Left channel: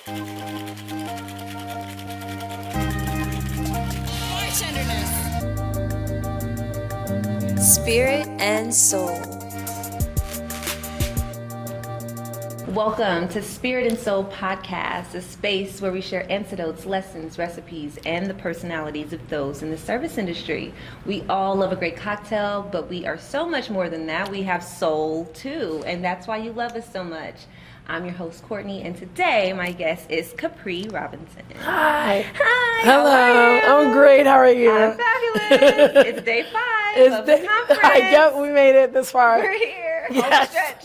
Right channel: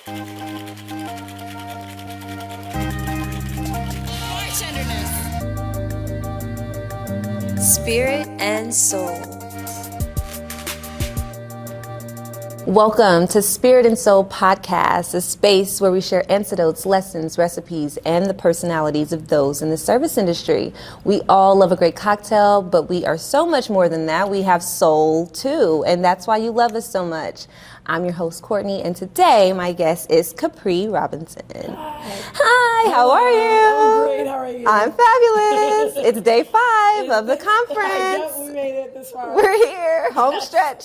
Spirit and Soul. Welcome to Spirit and Soul Podcast, a space where we share anecdotes, lessons, recipes, and the personalities of those in the service industry. We all love a great cocktail, but we are so much more than that. We have soul too, and that's why you love us so much. I'm your host, Courtney, and today my guest is Kapri Robinson. Hi. Hi, Hello. How are you? I'm great, how are you? I'm fabulous. It's day 5 of the conference. Yep, we made it this far. We're here, home stretch.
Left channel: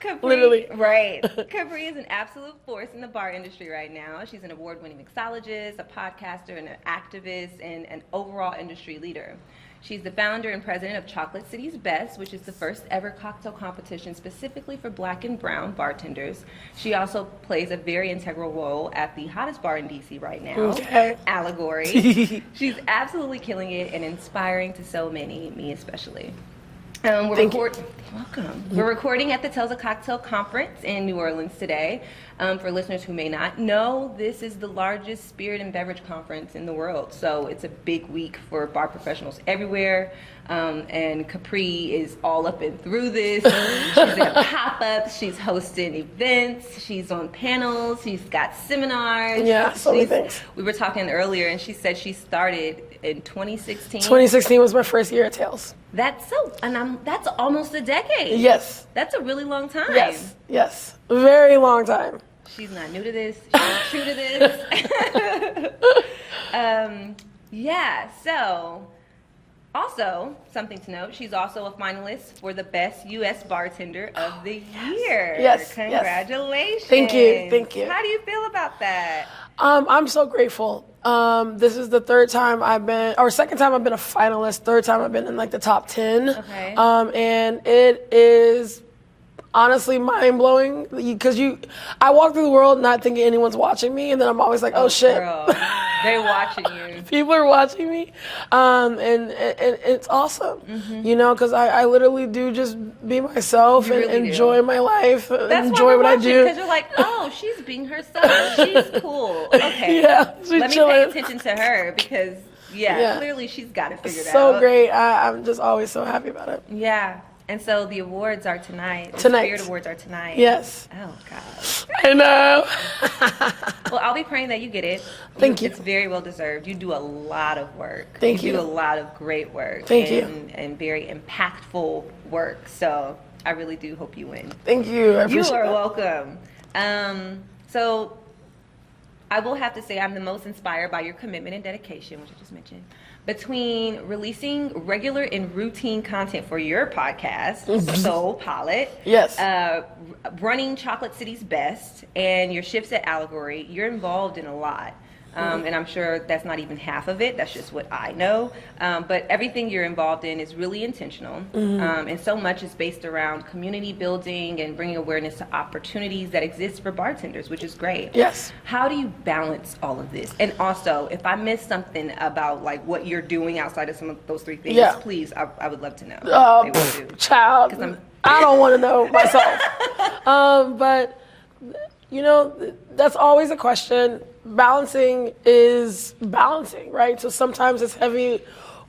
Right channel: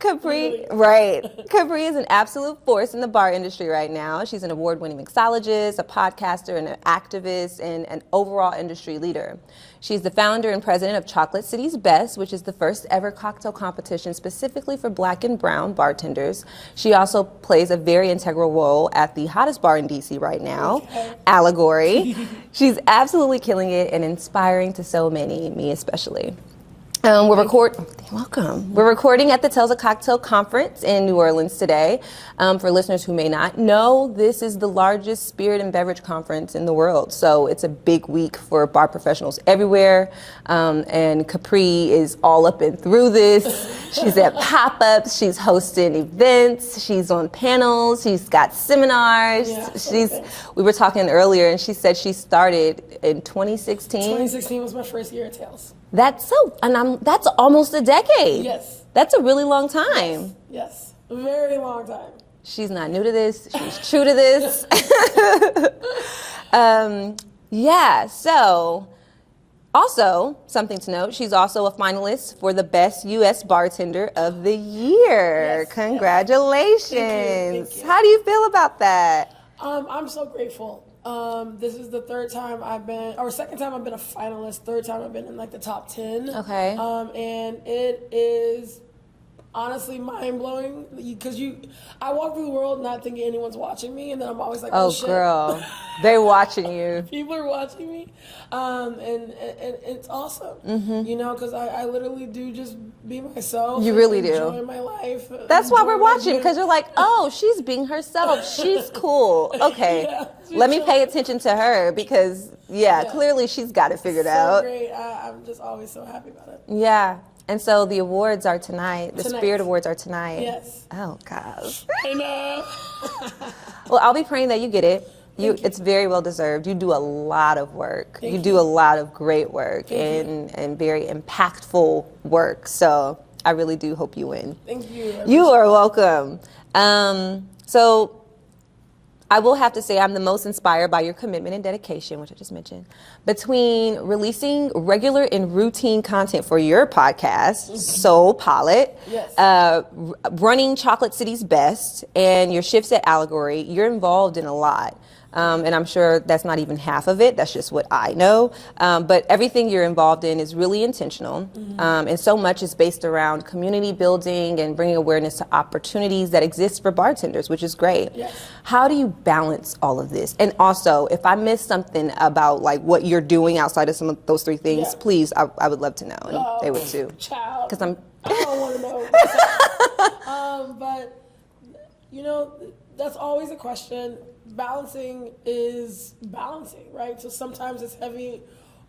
Kapri, right. Kapri is an absolute force in the bar industry right now. She's an award-winning mixologist, a podcaster, and an activist, and an overall industry leader. She's the founder and president of Chocolate City's Best, which is the first ever cocktail competition specifically for Black and brown bartenders. She also plays a very integral role at the hottest bar in DC right now, Allegory. She's absolutely killing it and inspiring to so many, me especially. We're recording at the TSA Cocktail Conference in New Orleans today. For listeners who may not know, this is the largest spirit and beverage conference in the world. So it's a big week for bar professionals everywhere. And Kapri is all up and through this. She's at pop-ups, she's hosting events, she's on panels, she's got seminars. Yeah, we were talking earlier and she said she started in 2016. 2016 was my first year at Tales. That's that's almost a decade. Yes. That's a really long time. Yes. Very long time. She's not new to this. She's true to this. So also something to note, she's also a finalist for the Best U.S. Bartender of the Year. Yes. Congratulations. Thank you. How do you feel about that? I'm so grateful. This is the second time I've been a finalist, third time I've been in like the top 10. Okay. And it is honestly mind-blowing because I walk through the world not thinking anyone's watching me, and then I'm always like, oh shit. Girl, they're watching you. People are watching me, and it's awesome, because I literally do just be myself and really enjoy my life. That's why we're watching, because you're like, oh, she's being herself. She's cool. Okay, let me pay attention to her because, clearly she's got it figured out. So great. I'm just always so happy about it. Yeah. And so the awards are tonight. The Spirit Awards are tonight. Yes. Oh, God. I know. Well, I'll be praying that you get it. Thank you. It's very well deserved. You do a lot of work. Thank you. You do a lot of great work. Thank you. And very impactful work. So I really do hope you win. Thank you. You are welcome. So I will have to say I'm the most inspired by your commitment and dedication, which I just mentioned, between releasing regular and routine content for your podcast, Soul Pilot, running Chocolate City's Best, and your shifts at Allegory. You're involved in a lot. And I'm sure that's not even half of it. That's just what I know. But everything you're involved in is really intentional. And so much is based around community building and bringing awareness to opportunities that exist for bartenders, which is great. Yes. How do you balance all of this? And also, if I missed something about like what you're doing outside of some of those 3 things, please, I would love to know. They will do. Child, because I don't want to know myself. But, that's always a question. Balancing is balancing, right? So sometimes it's heavy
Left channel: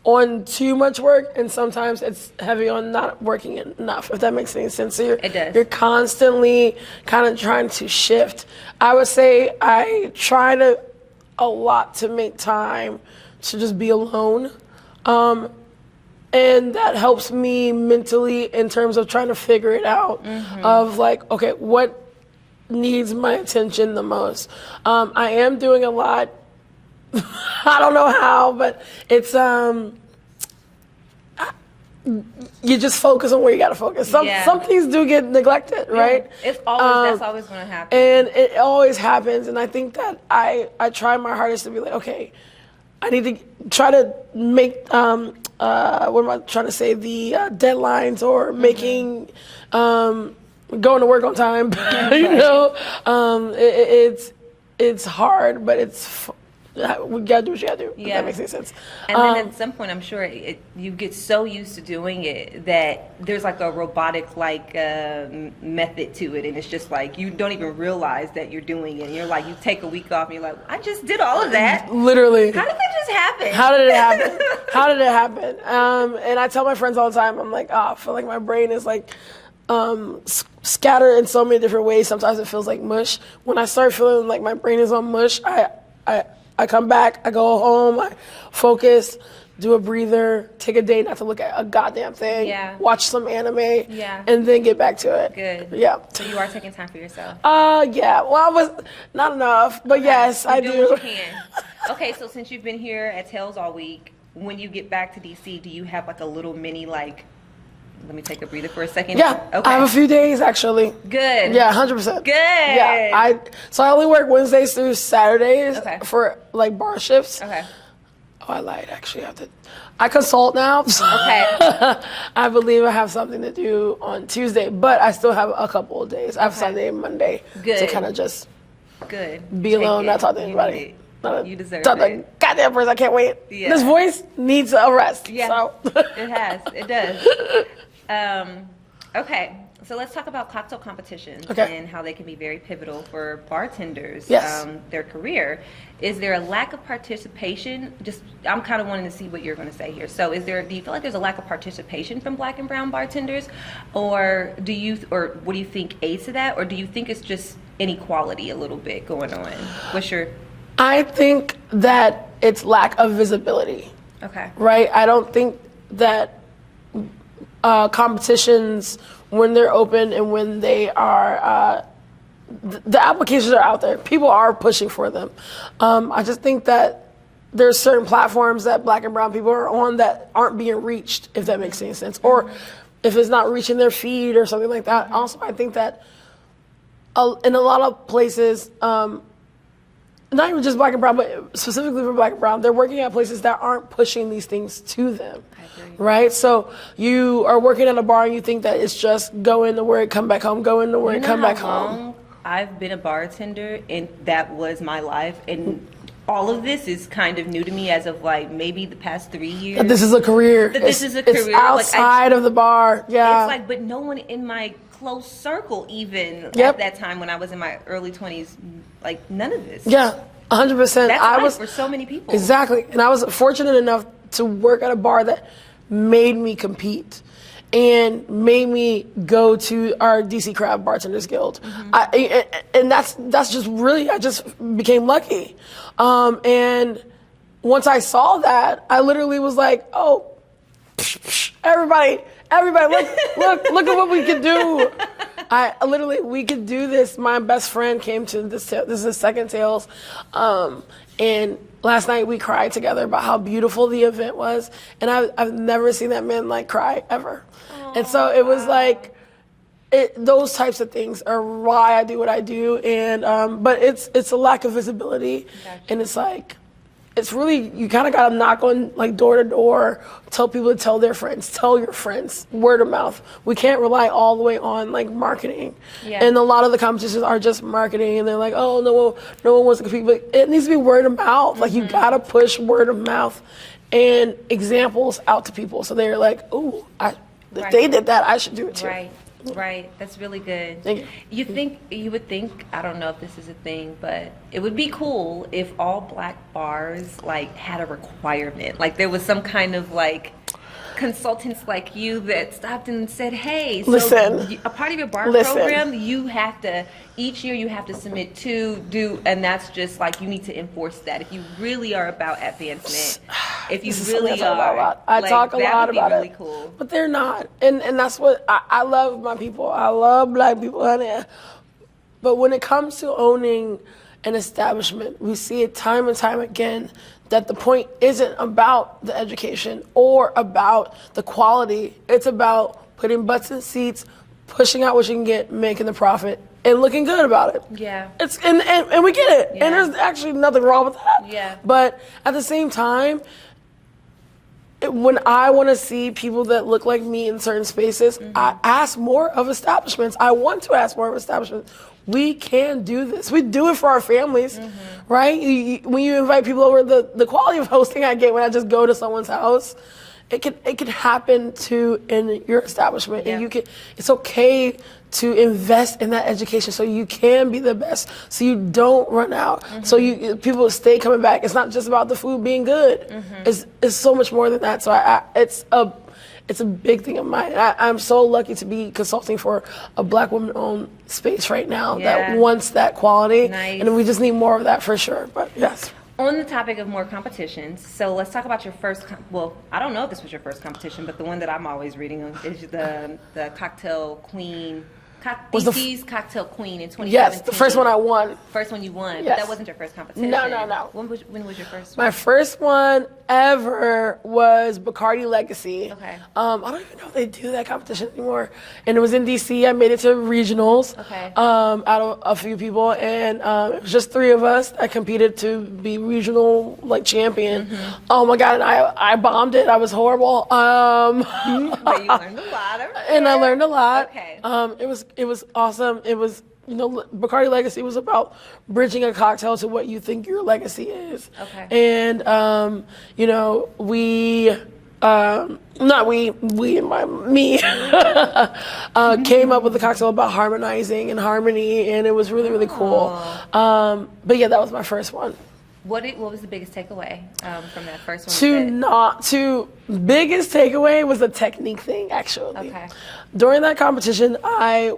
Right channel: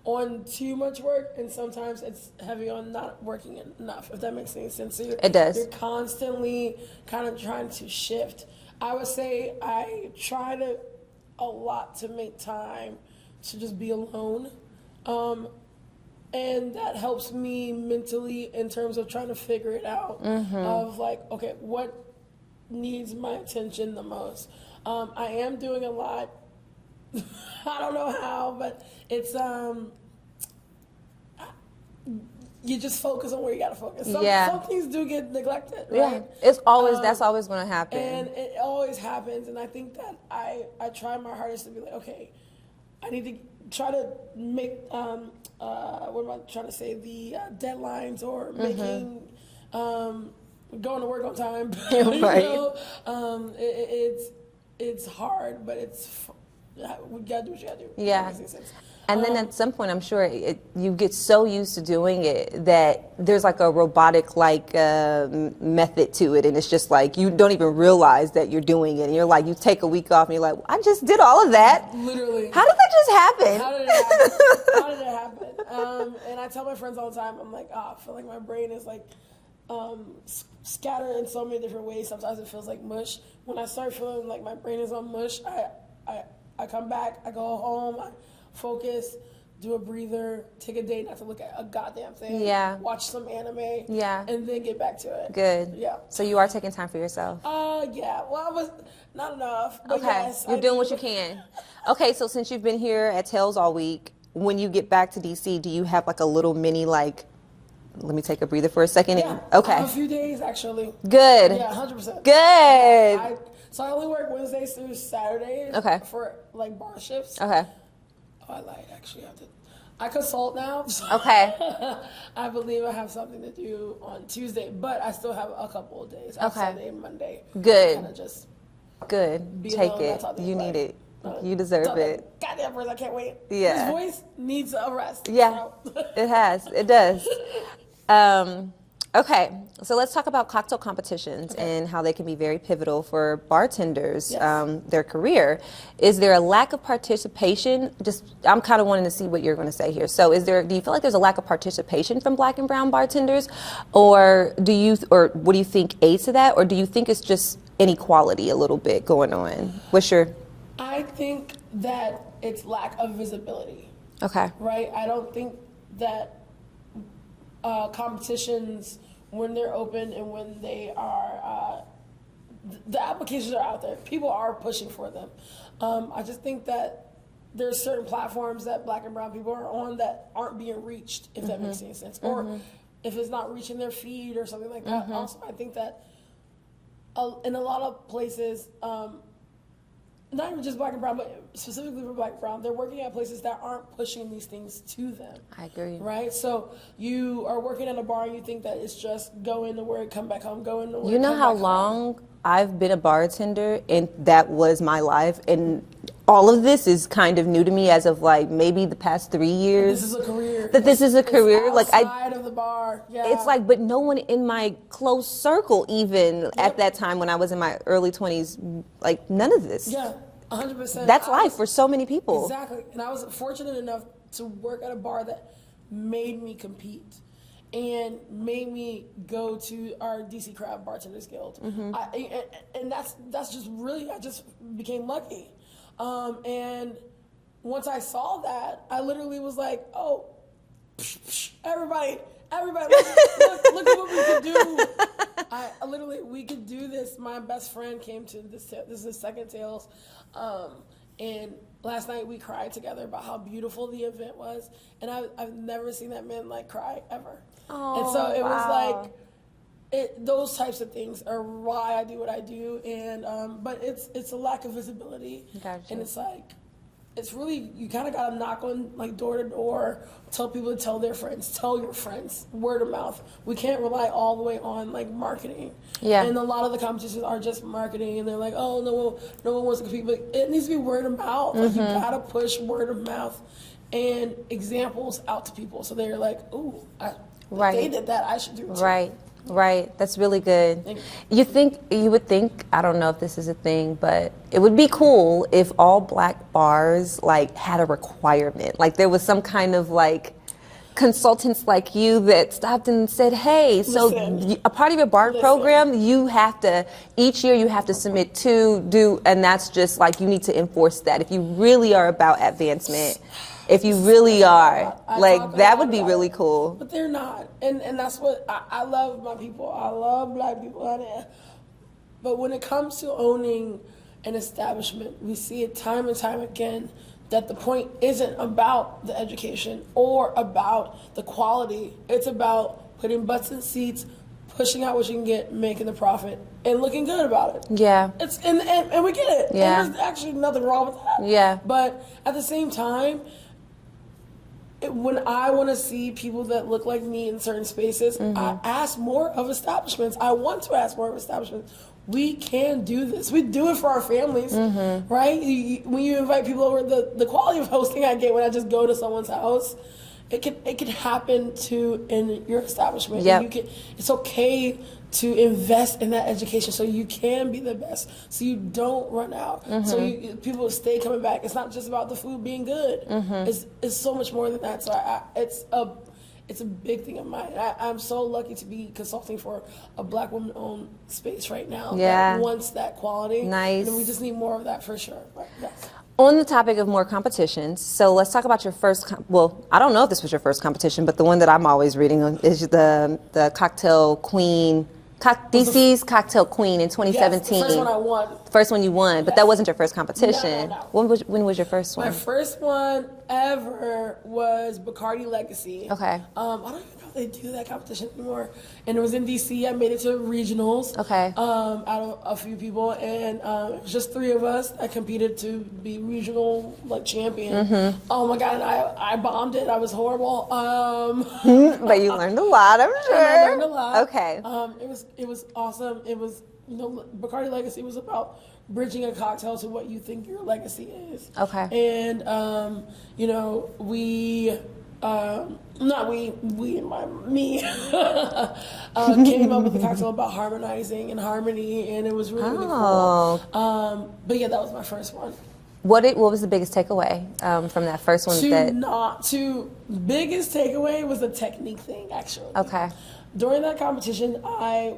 on too much work, and sometimes it's heavy on not working enough, if that makes any sense. So it does. You're constantly kind of trying to shift. I would say I try a lot to make time to just be alone. And that helps me mentally in terms of trying to figure it out of like, okay, what needs my attention the most. I am doing a lot. I don't know how, but it's you just focus on where you gotta focus. Some things do get neglected, right? It's always that's always gonna happen. And it always happens. And I think that I try my hardest to be like, okay, I need to try to make what am I trying to say? The deadlines or making going to work on time. It's hard, but we gotta do what you gotta do. Yeah. If that makes any sense. And then at some point, I'm sure you get so used to doing it that there's like a robotic method to it, and it's just like you don't even realize that you're doing it. And you're like, you take a week off, and you're like, I just did all of that. Literally. How did that just happen? How did it happen? How did it happen? And I tell my friends all the time, I'm like, I feel like my brain is like scattered in so many different ways. Sometimes it feels like mush. When I start feeling like my brain is on mush, I come back, I go home, I focus, do a breather, take a day not to look at a goddamn thing, watch some anime, and then get back to it. Good. Yeah. So you are taking time for yourself? Yeah. Well, I was not enough, but yes, I do. You're doing what you can. Okay, so since you've been here at Tails all week, when you get back to DC, do you have like a little mini let me take a breather for a second? Yeah. Okay. I have a few days actually. Good. Yeah, 100%. Good. Yeah. So I only work Wednesdays through Saturdays for like bar shifts. Okay. Oh, I lied. Actually, I consult now. So Okay. I believe I have something to do on Tuesday, but I still have a couple of days. I have Sunday and Monday to kind of just be alone, not talk to anybody. You deserve it. it. Goddamn person, I can't wait. Yeah. This voice needs a rest. Yeah, so. It does. Okay, so let's talk about cocktail competitions and how they can be very pivotal for bartenders, their career. Is there a lack of participation? I'm kind of wanting to see what you're going to say here. So do you feel like there's a lack of participation from Black and brown bartenders? Or what do you think aids to that? Or do you think it's just inequality a little bit going on? I think that it's lack of visibility. Okay. Right? I don't think that competitions, when they're open and when they are, the applications are out there. People are pushing for them. I just think that there's certain platforms that Black and brown people are on that aren't being reached, if that makes any sense. Or if it's not reaching their feed or something like that. Also, I think that in a lot of places, not even just Black and brown, but specifically for Black and brown, they're working at places that aren't pushing these things to them. I agree. Right? So you are working at a bar and you think that it's just go into work, come back home, go into work, come back home. I've been a bartender and that was my life, and all of this is kind of new to me as of maybe the past 3 years. That this is a career. This is a career. It's outside of the bar. Yeah. It's but no one in my close circle even at that time when I was in my early 20s, none of this. Yeah, 100%. That's life for so many people. Exactly. And I was fortunate enough to work at a bar that made me compete and made me go to our DC Craft Bartenders Guild. And that's just really, I just became lucky. And once I saw that, I literally was like, oh, everybody, look at what we can do. We could do this. My best friend came to this is his second Tales. And last night we cried together about how beautiful the event was. And I've never seen that man cry ever. And so it was those types of things are why I do what I do. And but it's a lack of visibility. Gotcha. And it's really, you kind of got to knock on door to door, tell people to tell their friends, tell your friends, word of mouth. We can't rely all the way on marketing. Yeah. And a lot of the competitions are just marketing, and they're like, oh, no one wants to compete, but it needs to be word of mouth. You got to push word of mouth and examples out to people. So they're like, ooh, if they did that, I should do it too. Right, that's really good. Thank you. You would think, I don't know if this is a thing, but it would be cool if all Black bars had a requirement. There was some kind of consultants like you that stopped and said, hey, so a part of your bar program, you have to, each year you have to submit and that's just you need to enforce that. If you really are about advancement, if you really are, that would be really cool. But they're not. And that's what, I love my people. I love Black people, honey. But when it comes to owning an establishment, we see it time and time again that the point isn't about the education or about the quality. It's about putting butts in seats, pushing out what you can get, making the profit, and looking good about it. Yeah. And we get it. Yeah. And there's actually nothing wrong with that. Yeah. But at the same time, when I want to see people that look like me in certain spaces, I ask more of establishments. I want to ask more of establishments. we can do this. We do it for our families, right? When you invite people over, the quality of hosting I get when I just go to someone's house, it can happen in your establishment. Yep. And it's okay to invest in that education so you can be the best, so you don't run out, so people stay coming back. It's not just about the food being good. It's so much more than that. So it's a big thing of mine. I'm so lucky to be consulting for a Black woman-owned space right now that wants that quality. Nice. And we just need more of that for sure, but yes. On the topic of more competitions, so let's talk about your first, I don't know if this was your first competition, but the one that I'm always reading on is the Cocktail Queen, DC's Cocktail Queen in 2017. Yes, the first one I won. First one you won, but that wasn't your first competition. No. When was your first one? My first one ever was Bacardi Legacy. Okay. I don't even know if they do that competition anymore. And it was in DC. I made it to regionals. Okay. Out of a few people, and it was just 3 of us that competed to be regional champion. Oh my God! And I bombed it. I was horrible. But you learned a lot, I'm sure. And I learned a lot. Okay. It was awesome. It was, Bacardi Legacy was about bridging a cocktail to what you think your legacy is. Okay. And, we came up with a cocktail about harmonizing and harmony, and it was really, really cool. But yeah, that was my first one. What was the biggest takeaway from that first one? Biggest takeaway was the technique thing, actually. Okay. During that competition, I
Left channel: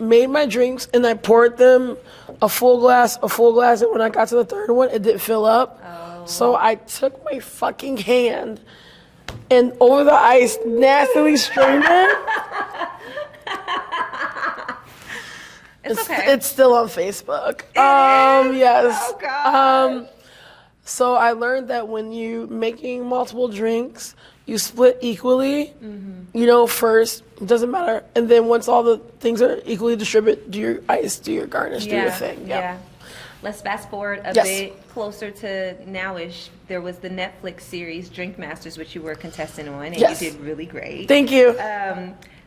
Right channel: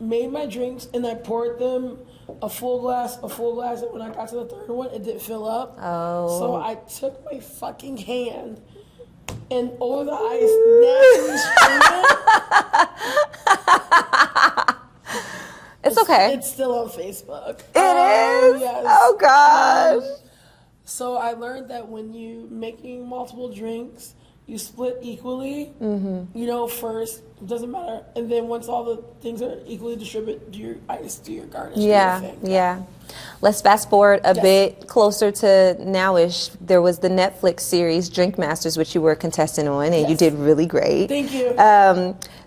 made my drinks and I poured them a full glass, and when I got to the third one, it didn't fill up. Oh. So I took my fucking hand and over the ice, nastily streamed it. It's okay. It's still on Facebook. It is? Yes. Oh, gosh. So I learned that when you making multiple drinks, you split equally. First, it doesn't matter. And then once all the things are equally distributed, do your ice, do your garnish, do your thing. Yeah. Let's fast forward a bit closer to now-ish. There was the Netflix series Drink Masters, which you were a contestant on, and you did really great. Thank you.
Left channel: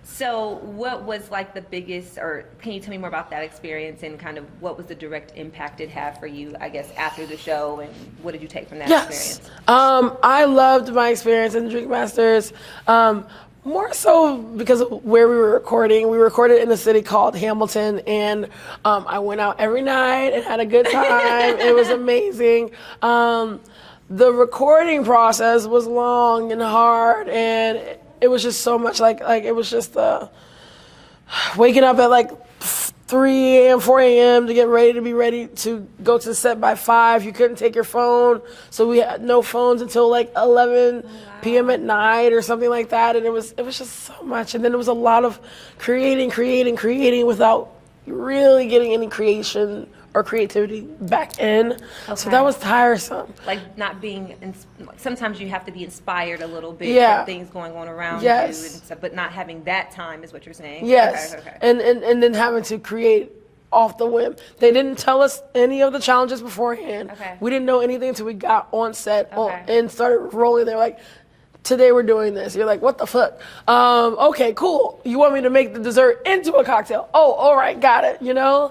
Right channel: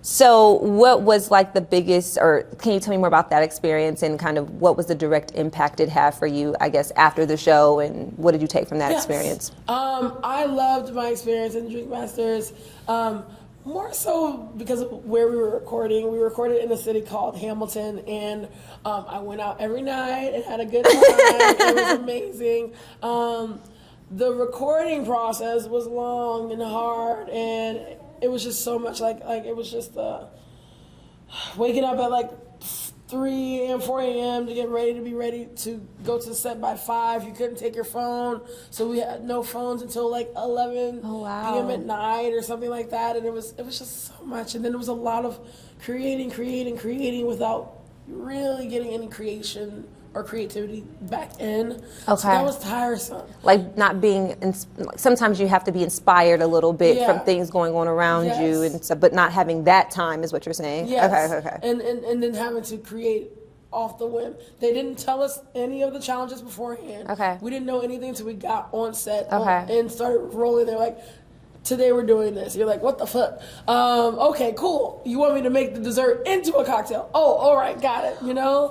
So what was the biggest, or can you tell me more about that experience and kind of what was the direct impact it had for you, I guess, after the show, and what did you take from that experience? I loved my experience in Drink Masters. More so because of where we were recording. We recorded in a city called Hamilton, and I went out every night and had a good time. It was amazing. The recording process was long and hard, and it was just so much it was just waking up at 3 a.m., 4 a.m. to get ready to go to the set by 5. You couldn't take your phone, so we had no phones until 11 p.m. at night or something like that. And it was just so much. And then it was a lot of creating without really getting any creation or creativity back in. Okay. So that was tiresome. Not being, sometimes you have to be inspired a little bit from things going on around you, and stuff, but not having that time is what you're saying? Yes. Okay. And then having to create off the whim. They didn't tell us any of the challenges beforehand. Okay. We didn't know anything until we got on set and started rolling. They're like, today we're doing this. You're like, what the fuck? Okay, cool. You want me to make the dessert into a cocktail? Oh, all right, got it. You know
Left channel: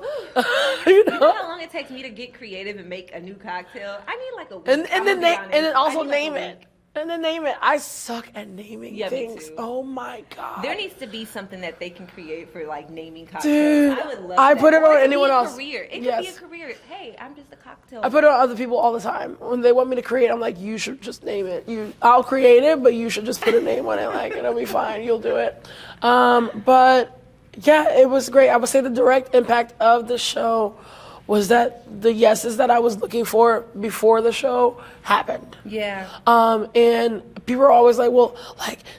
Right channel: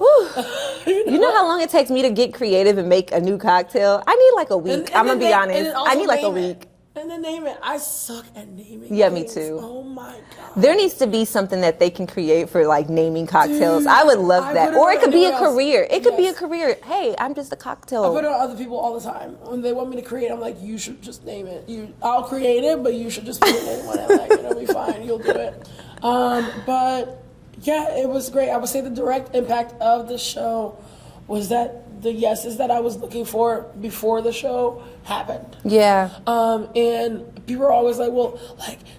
how long it takes me to get creative and make a new cocktail? I need a week. I'm gonna be honest. I need a week. And then name it. I suck at naming Yeah, things. me too. Oh my God. There needs to be something that they can create for naming cocktails. Dude, I would love that. Or it could be a career. It could be a career. Hey, I'm just a cocktail. I put it on other people all the time. When they want me to create, I'm like, you should just name it. I'll create it, but you should just put a name on it. It'll be fine. You'll do it. But yeah, it was great. I would say the direct impact of the show was that the yeses that I was looking for before the show happened. Yeah. And people are always like, well,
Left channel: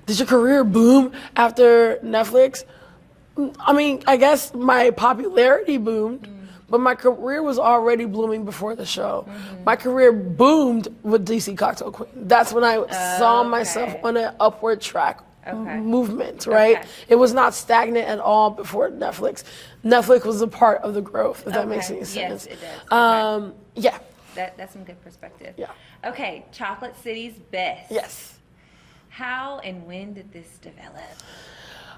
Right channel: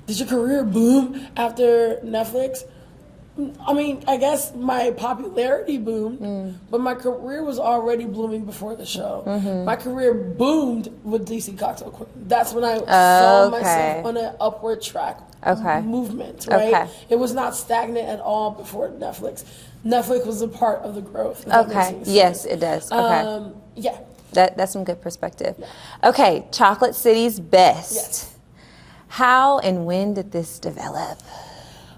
did your career boom after Netflix? I mean, I guess my popularity boomed, but my career was already blooming before the show. My career boomed with DC Cocktail Queen. That's when I saw myself on an upward track movement, right? Okay. It was not stagnant at all before Netflix. Netflix was a part of the growth. Okay. Yes, it does. Okay. Yeah. That's some good perspective. Yeah. Okay, Chocolate City's Best. Yes. How and when did this develop?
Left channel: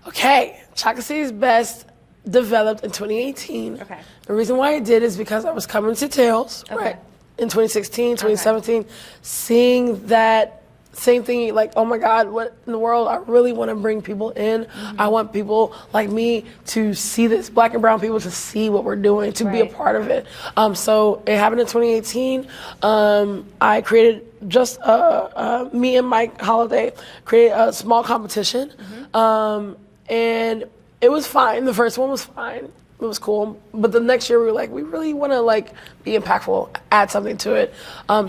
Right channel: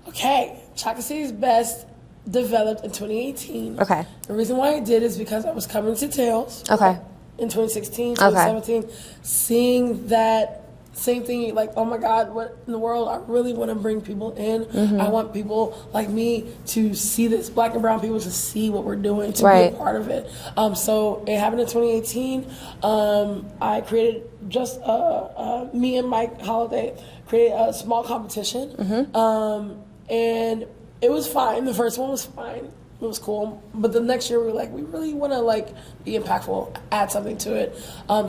Okay, Chocolate City's Best developed in 2018. Okay. The reason why I did is because I was coming to Tails. Okay. Right, in 2016, 2017, seeing that same thing, like, oh my God, what in the world? I really want to bring people in. I want people like me to see this, Black and brown people to see what we're doing, to be a part of it. So it happened in 2018. I created just, me and Mike Holiday created a small competition. And it was fine. The first one was fine. It was cool. But the next year we were like, we really want to like be impactful, add something to it.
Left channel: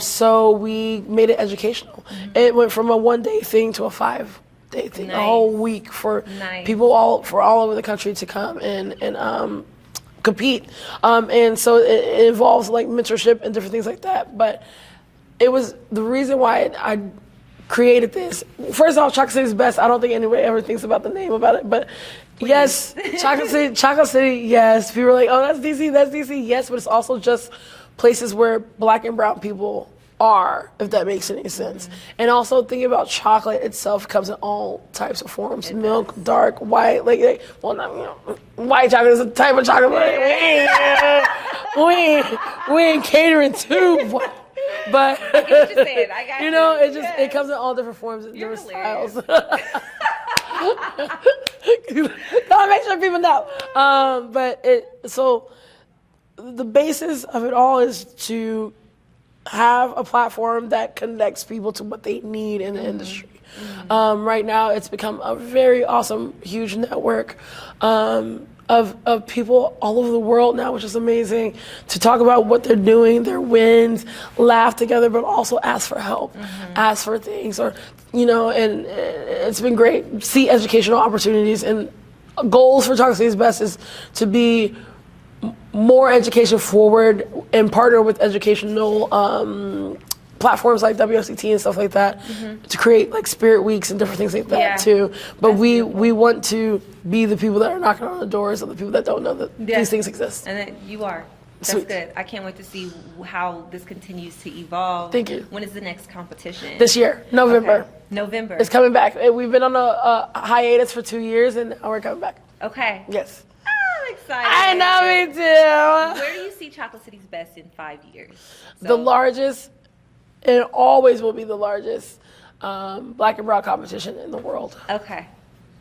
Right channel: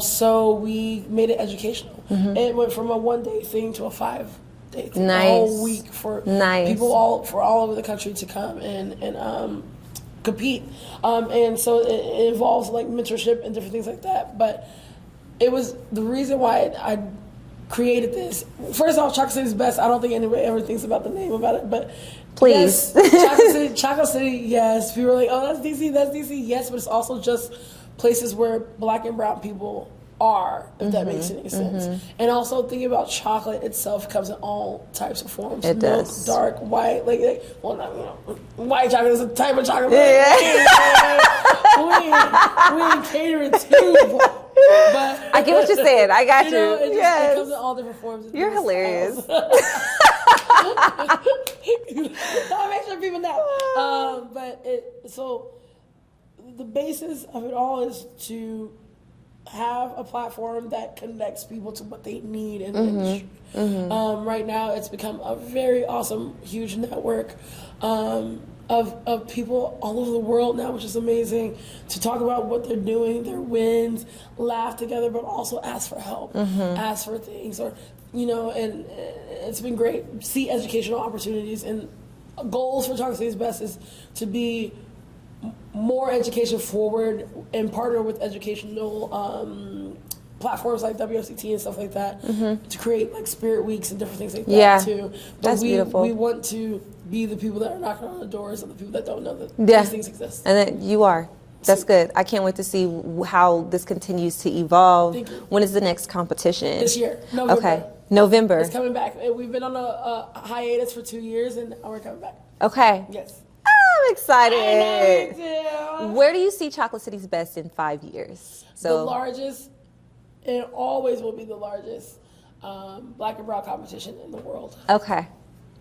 So we made it educational. It went from a 1-day thing to a 5-day thing, a whole week for people all over the country to come and compete. And so it involves like mentorship and different things like that. But it was the reason why I created this. First off, Chocolate City's best. I don't think anybody ever thinks about the name about it, but please. Yes, Chocolate City, yes. People are like, oh, that's DC, yes, but it's also just places where Black and brown people are, if that makes any sense. And also thinking about chocolate itself comes in all types of forms. It Milk, does. Dark, white, well, not, white chocolate is a type of chocolate. We ain't catering too. But I get what you're saying. I got you. It comes in all different forms. And You're hilarious. I make sure people know. So the basis of it all is to have a platform that connects people to what they need in the industry. Right now, it's become a very awesome, huge network of people all over the world now, which is amazing, to talk about what they're doing, their wins, laugh together, but also ask for help, ask for things, or, and it's been great. See educational opportunities, and goals for Chocolate City's Best is to be more education forward and partner with educational platforms like WSCT and stuff like that to create like spirit weeks and different things like that too. But we want to be the people that are knocking on the doors of the people that don't know that these things exist. And then you are. That's good. I can't wait to see how this continues to evolve. Thank you. When is the next competition? This year, November. Okay. November. It's coming back. We've been on a hiatus for 2 years, and now we're coming back. Okay. Yes. I'm excited. I know, me too. Where do you see Chocolate City's Best in 5 years? The largest, and it always will be the largest Black and brown competition in the world. Okay.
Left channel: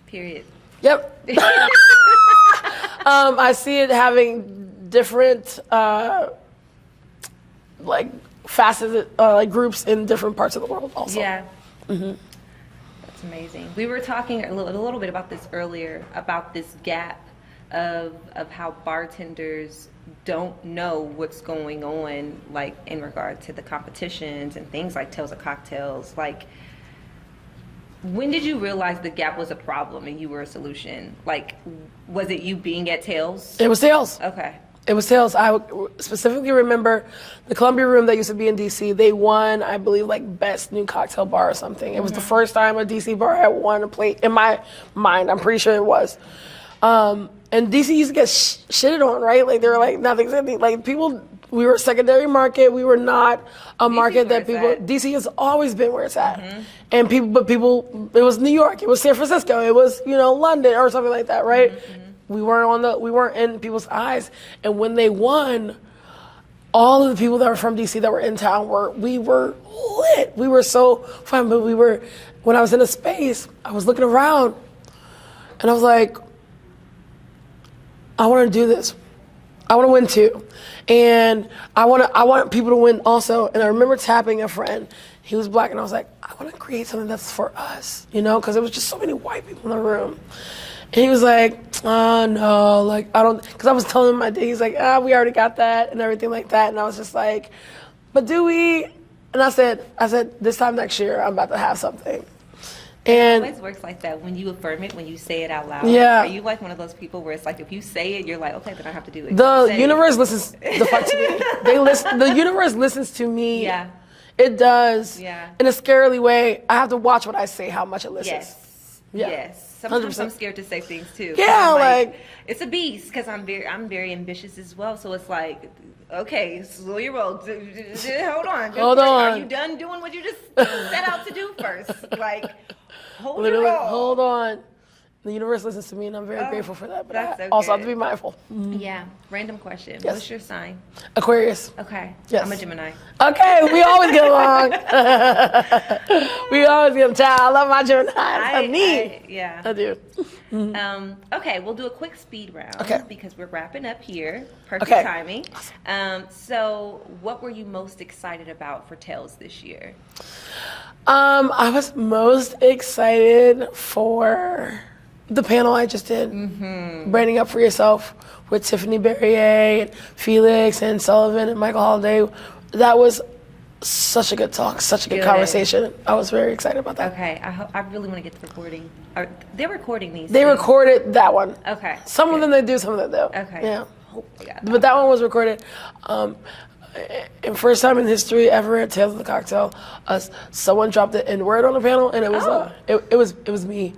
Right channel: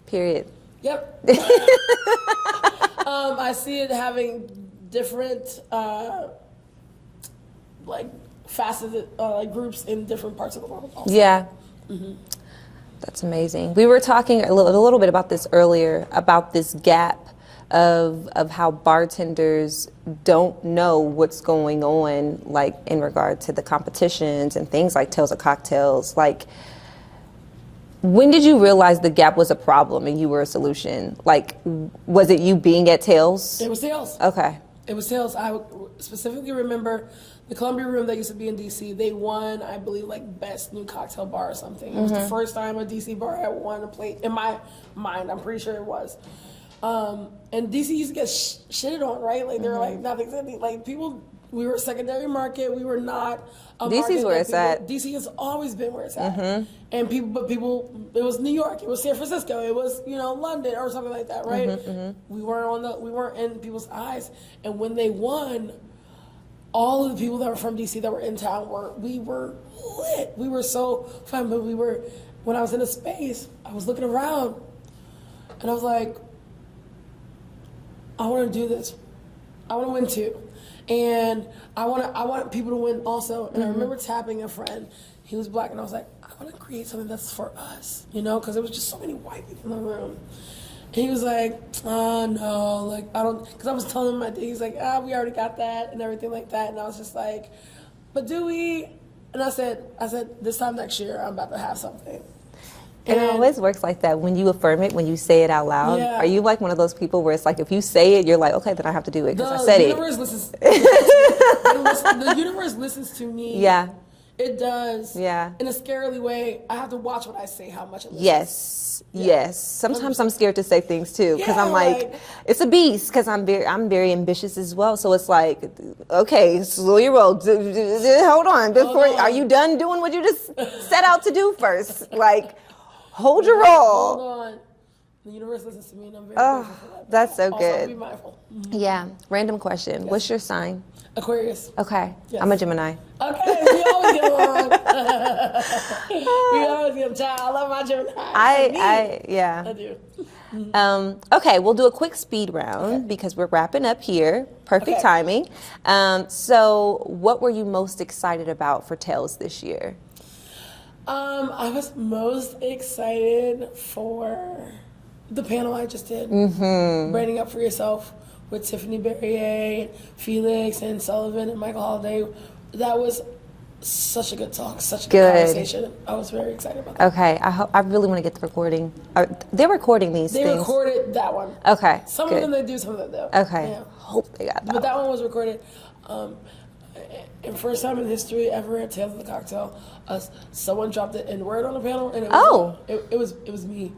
Period. Yep. I see it having different like facets, like groups in different parts of the world also. Yeah. That's amazing. We were talking a little bit about this earlier, about this gap of how bartenders don't know what's going on, like in regard to the competitions and things like Tales of Cocktails. Like, when did you realize the gap was a problem and you were a solution? Like, was it you being at Tales? It was Tales. Okay. It was Tales. I specifically remember the Columbia Room that used to be in DC. They won, I believe, like best new cocktail bar or something. It was the first time a DC bar had won a plate. In my mind, I'm pretty sure it was. And DC used to get shitted on, right? Like they were like nothing. Like people, we were a secondary market. We were not a market that people. DC has always been where it's at. And people. It was New York. It was San Francisco. It was London or something like that, right? We weren't in people's eyes. And when they won, all of the people that were from DC that were in town we were lit. We were so fun. But when I was in a space, I was looking around, and I was like, I want to do this. I want to win too. And I want people to win also. And I remember tapping a friend. He was Black, and I was like, I want to create something that's for us, because there was just so many white people in the room. And he was like, oh no, like I don't, because I was telling him my day. He's like, we already got that and everything like that. And I was just like, but do we? And I said, this time next year, I'm about to have something. And it always works like that when you affirm it, when you say it out loud. Yeah. Are you like one of those people where it's like if you say it, you're like, okay, then I have to do it. The universe listens. The universe listens to me. Yeah. It does. Yeah. In a scarily way. I have to watch what I say, how much it listens. Yes. Yeah. Yes. Sometimes 100%. I'm scared to say things too. Yeah. I'm like, it's a beast because I'm very ambitious as well. So it's like, okay, slow your roll. Hold on. Are you done doing what you just set out to do first? Like. Hold your roll. Hold on. The universe listens to me, and I'm very grateful for that. But that's so also good. have to be mindful. Yeah. Random question. Yes. What's your sign? Aquarius. Okay. Yes. I'm a Gemini. Okay, we always get along. We always get along. Child, I love my Gemini. I do. Okay, we'll do a quick speed round because we're wrapping up here. Perfect Okay. timing. So, what were you most excited about for Tales this year? I was most excited for the panel I just did, Branding Up For Yourself with Tiffany Barrier, and Felix, and Sullivan, and Michael Holiday. That was such a good talk, such a good conversation. I was very excited about that. Okay, I really want to get the recording. They're recording these. They things. recorded that one. Okay. Some good. of them they do, some of them they don't. Okay. Yeah. Hope they got that. But that one was recorded. And first time in history ever at Tales of the Cocktail, someone dropped the N-word on the panel, and it was it was me.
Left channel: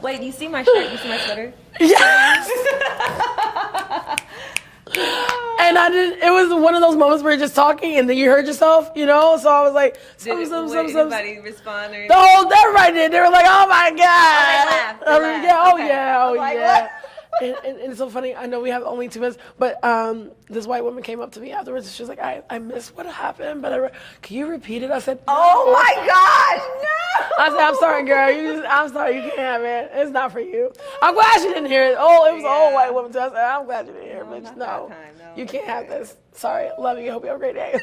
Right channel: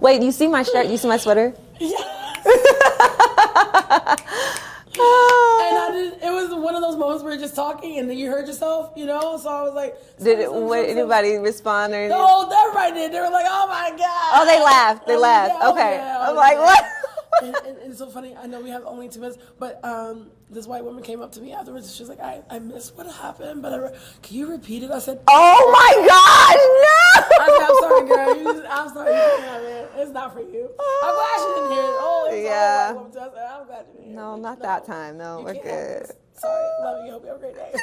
Wait, you see my shirt? You see my sweater? Yes. And it was one of those moments where you're just talking and then you heard yourself, you know? So I was like, Did anybody respond or anything? Everybody did. They were like, oh my God. Oh, they laughed. They laughed. Yeah, oh, okay. yeah. I'm like, what? And it's so funny. I know we have only 2 minutes, but this white woman came up to me afterwards and she was like, I missed what happened, but can you repeat it? I said, oh my gosh, no! I said, I'm sorry, girl. I'm sorry you can't have it. It's not for you. I'm glad she didn't hear it. Oh, it was an old white woman too. I said, I'm glad you didn't hear it. No, bitch. not that time. No, you we're can't have good. this. Sorry. Love you. Hope you have a great day.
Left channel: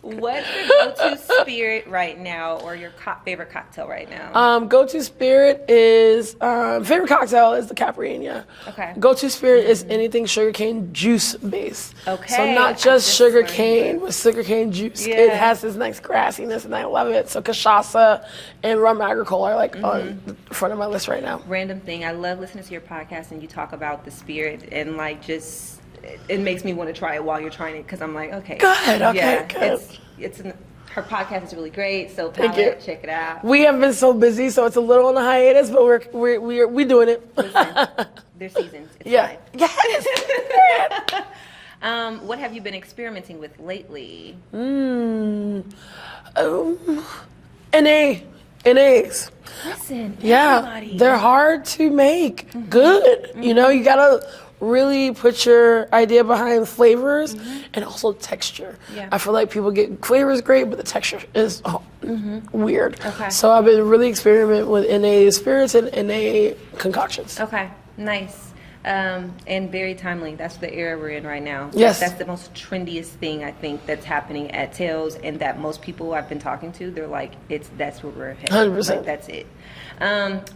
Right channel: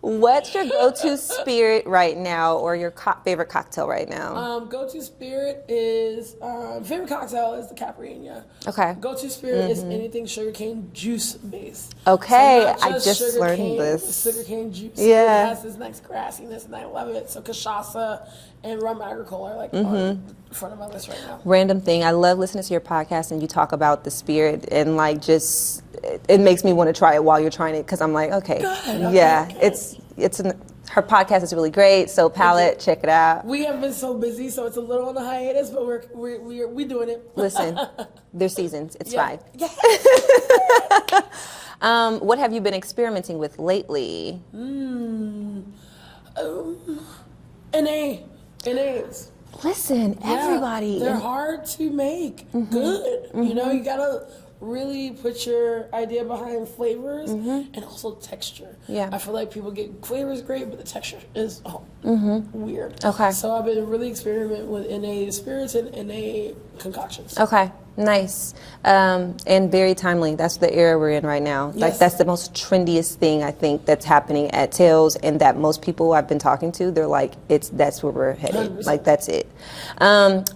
What's your go-to spirit right now, or your favorite cocktail right now? Go-to spirit is favorite cocktail is the Capri. Okay. Go-to spirit is anything sugarcane juice based. Okay. So not just sugar learned cane, this. but sugarcane juice. Yeah. It has this nice grassiness, and I love it. So cachaça and rum agricole are like on the front of my list right now. Random thing. I love listening to your podcast, and you talk about the spirit, and like just it makes me want to try it while you're trying it because I'm like, okay, Good, okay, yeah, good. her podcast is really great. So Palette, check it out. We have been so busy, so it's a little on the hiatus, but we're doing it. Listen, there's seasons. It's Yeah. fine. What have you been experimenting with lately? NAs. Listen, Yeah, everybody. they're hard to make good. You know, you gotta really put your idea behind flavors and also texture. Yeah. I feel like people get flavors great, but the texture is weird. Okay. So I've been really experimenting with NA spirits and NA concoctions. Okay, nice. And very timely. That's the era we're in right now. Yes. That's the most trendiest thing I think that's happening at Tales, and that most people I've been talking to, they're like, that's where we're headed. 100%. Like, that's it.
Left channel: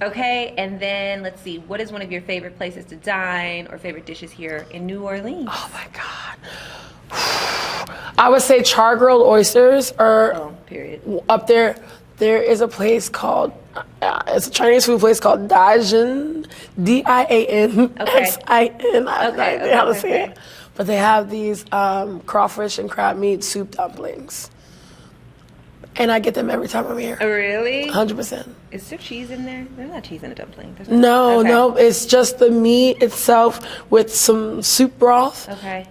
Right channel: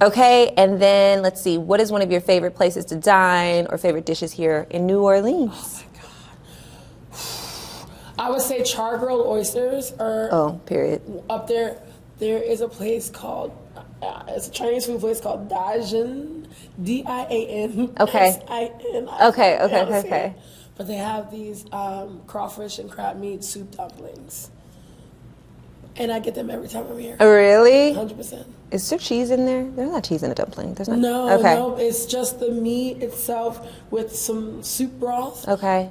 Okay, and then let's see. What is one of your favorite places to dine or favorite dishes here in New Orleans? Oh my God. I would say char-grilled oysters are period. up there. There is a place called, it's a Chinese food place called Dian, D-I-A-N-S-I-N. Okay. But they have these crawfish and crab meat soup dumplings. And I get them every time I'm here. Really? 100%. Is there cheese in there? There's not cheese in a dumpling. There's not. No, Okay. no, it's just the meat itself with some soup broth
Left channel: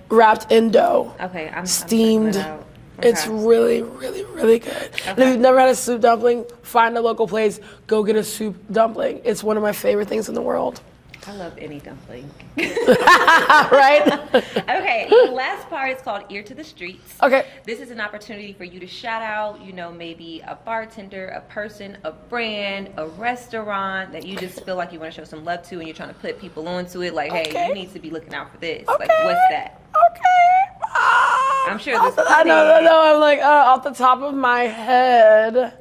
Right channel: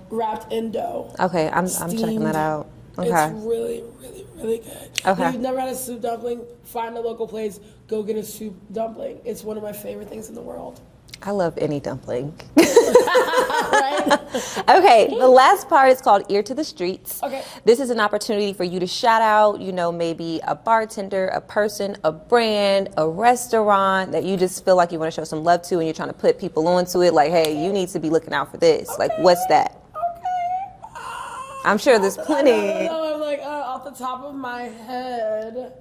wrapped in dough. Okay, I'm steamed. checking that out. Okay. It's really, really, really good. And if you've never had a soup dumpling, find a local place, go get a soup dumpling. It's one of my favorite things in the world. I love any dumpling. Right? Okay, the last part is called Ear to the Streets. Okay. This is an opportunity for you to shout out, maybe a bartender, a person, a brand, a restaurant that you just feel like you want to show some love to and you're trying to put people onto it. Like, hey, you need to be looking out for this. Like, what's that? Okay. I'm sure there's plenty. No, I'm like, off the top of my head.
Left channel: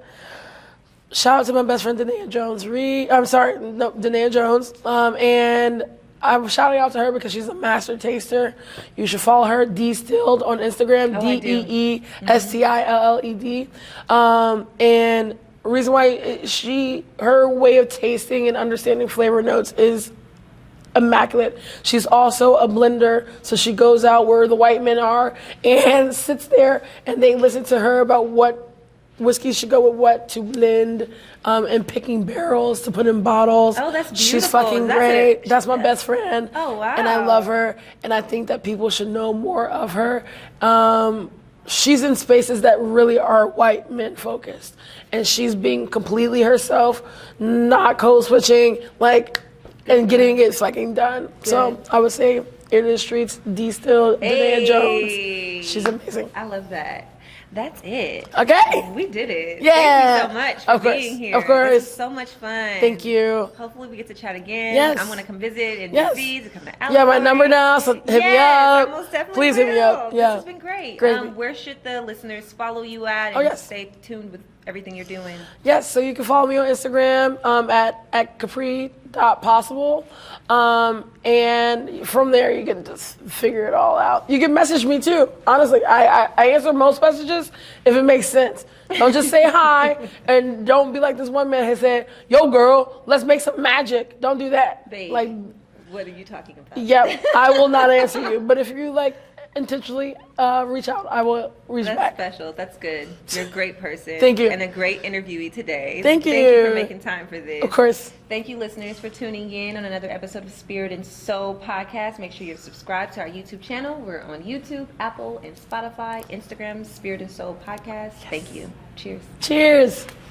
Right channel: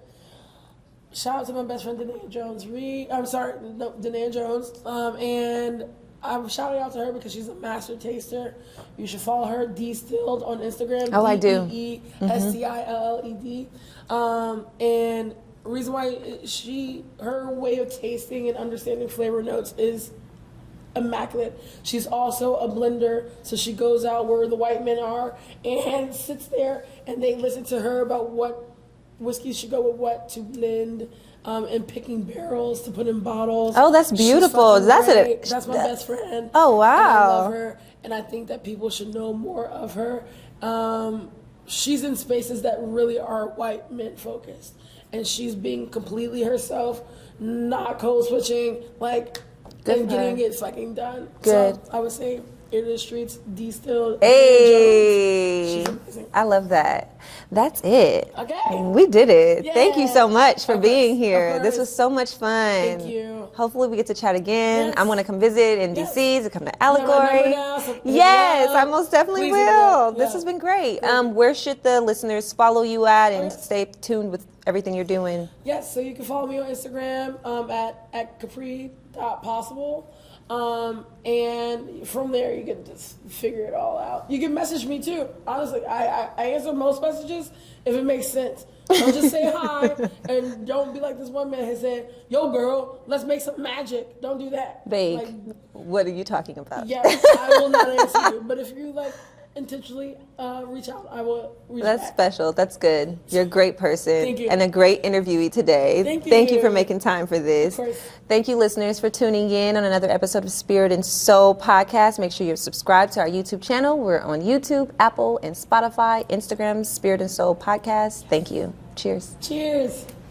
Shout out to my best friend, Danae Jones. Danae Jones. And I'm shouting out to her because she's a master taster. You should follow her, Dstilled, on Instagram. Oh, I do. DEESTILLED. And the reason why her way of tasting and understanding flavor notes is immaculate. She's also a blender, so she goes out where the white men are and sits there and they listen to her about what whiskey should go with what to blend, and picking barrels to put in bottles. Oh, that's beautiful. She's fucking That's great. That's my best friend. Oh, wow. And I love her, and I think that people should know more of her. she's in spaces that really are white men focused, and she's being completely herself, not code switching, like, and getting it fucking done. Good. So I would say In the Streets, D Still, Hey. Jones. She's amazing. I love that. That's it. Okay. We did it. Yeah. Thank you so much for Of course. being here. Of course. This was so much fun. Thank you. Hopefully we get to chat again. Yes. I'm going to come visit in Yes. DC to come to You Allegory. have my number now, so hit me Yes, up. I most definitely Please hit me will. up. This Yeah. has been great. Crazy. Where should the listeners follow you at and yes. stay tuned with everything you're doing? Yes, so you can follow me on Instagram at capri.possible. And from there, you can just figure it all out. You can message me too. Honestly, I answer most messages if it makes sense. Don't just say hi and don't be like this one man has said, yo girl, let's make some magic. Don't do that. Babe, Like, what are you talking about? yeah, I will not answer you. But if you like intentionally reach out, I will reach That's back. special. That's good. You're a great person. Thank you. And a great interviewee today. Thank you. Thank you for making time for this. Of course. Thank you, listeners, for tuning in on another episode of Spirit and Soul Podcast. Make sure you're subscribed to our YouTube channel. We're on YouTube, Apple, and Spotify, Instagram, Spirit and Soul Podcast. Thank you. Cheers. Cheers.